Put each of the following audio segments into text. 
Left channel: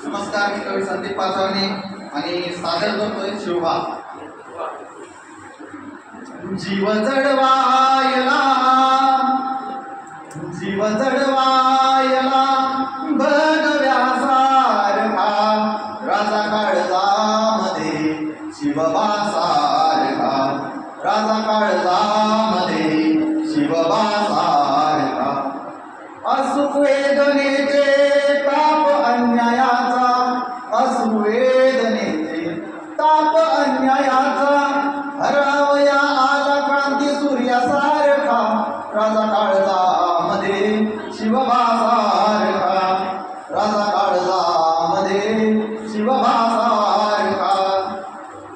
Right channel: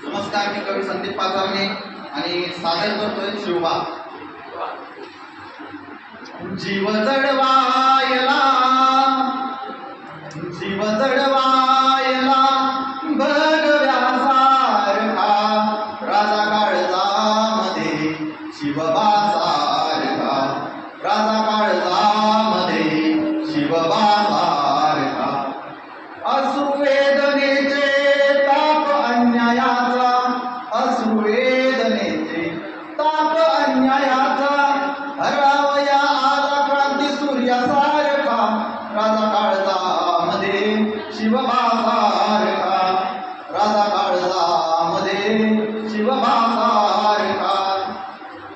नमस्कार मी कवी संदीप पाचारणे आणि सादर करतोय शिवबा जीव जडवायला जीव जड शिवभासारखा राजा काळजामध्ये शिवभासारखा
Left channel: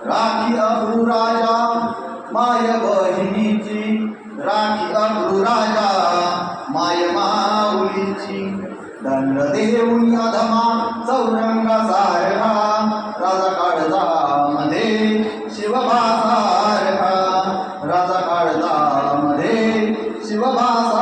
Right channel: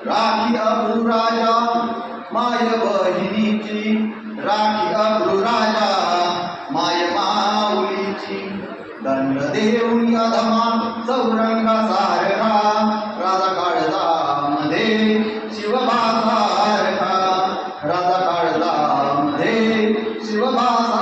राखी अब्रू राजा माय बहिणीची. राखी अब्रू राजा माय माऊलीची. दंड देऊन अधमा चौरंगा सारखा राजा काळजामध्ये शिवभासारखा राजा काळजामध्ये शिवभासा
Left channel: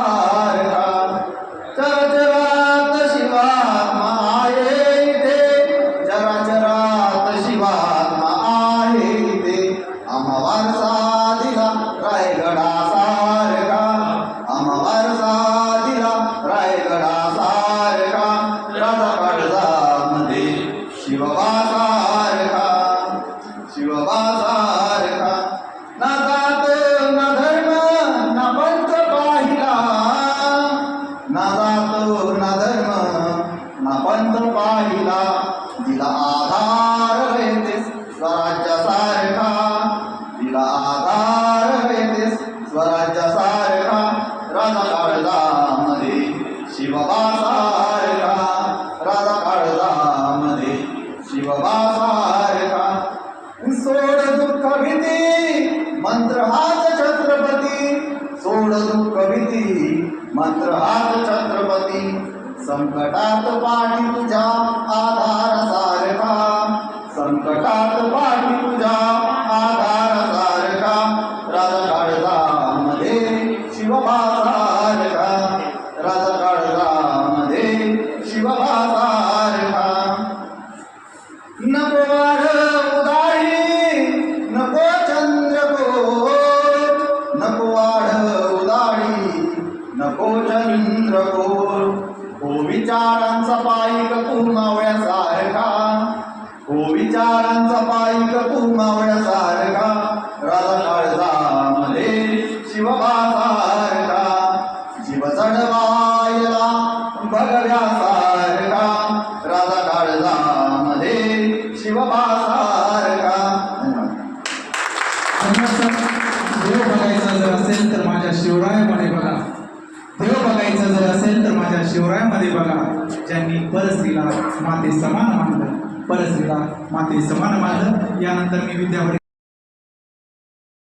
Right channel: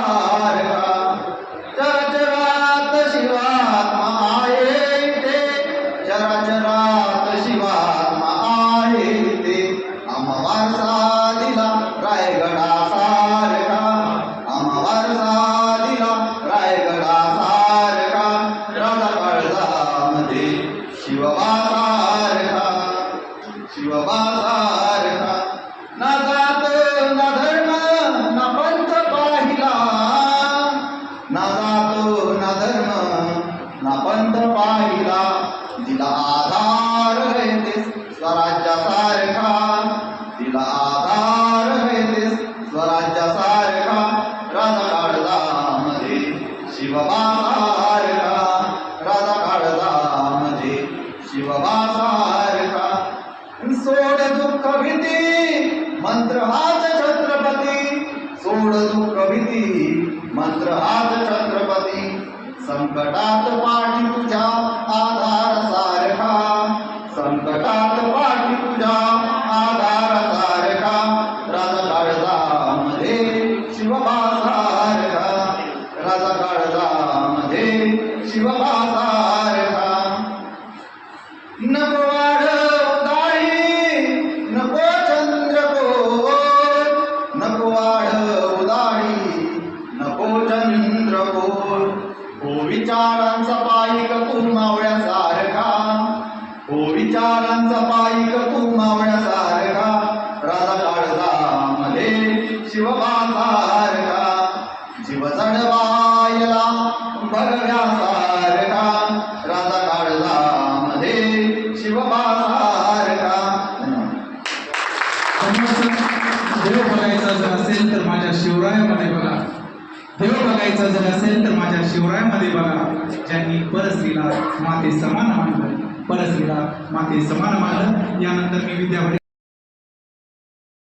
दिला आधार रहतेस स्वराज्यासारखा दिला आधार रहतेस स्वराज्यासारखा राजा काळजामध्ये शिवबासारखा. राजा काळजामध्ये शिवबासारखा. सोड दुःख भीती मंत्र हाच छत्रपती. सोड दुःख भीती मंत्र हाच छत्रपती. संकटात पाठी तुझ्या विचारांचा पायिक तू मावळ्यासारखा हो विचारांचा पायिक तू मावळ्यासारखा राजा काळजामध्ये शिवबासारखा जीव चढवायला भगव्यासारखा राजा काळजामध्ये शिवबासारखा जर असेल तर माझ्या शिवराय बघा जर असेल तर माझ्या शिवरायामध्ये बघा ज्यांनी परस्त्रीला माते समान मानलं परस्त्रीला माते समान मानलं यानंतर मी विद्यापीठ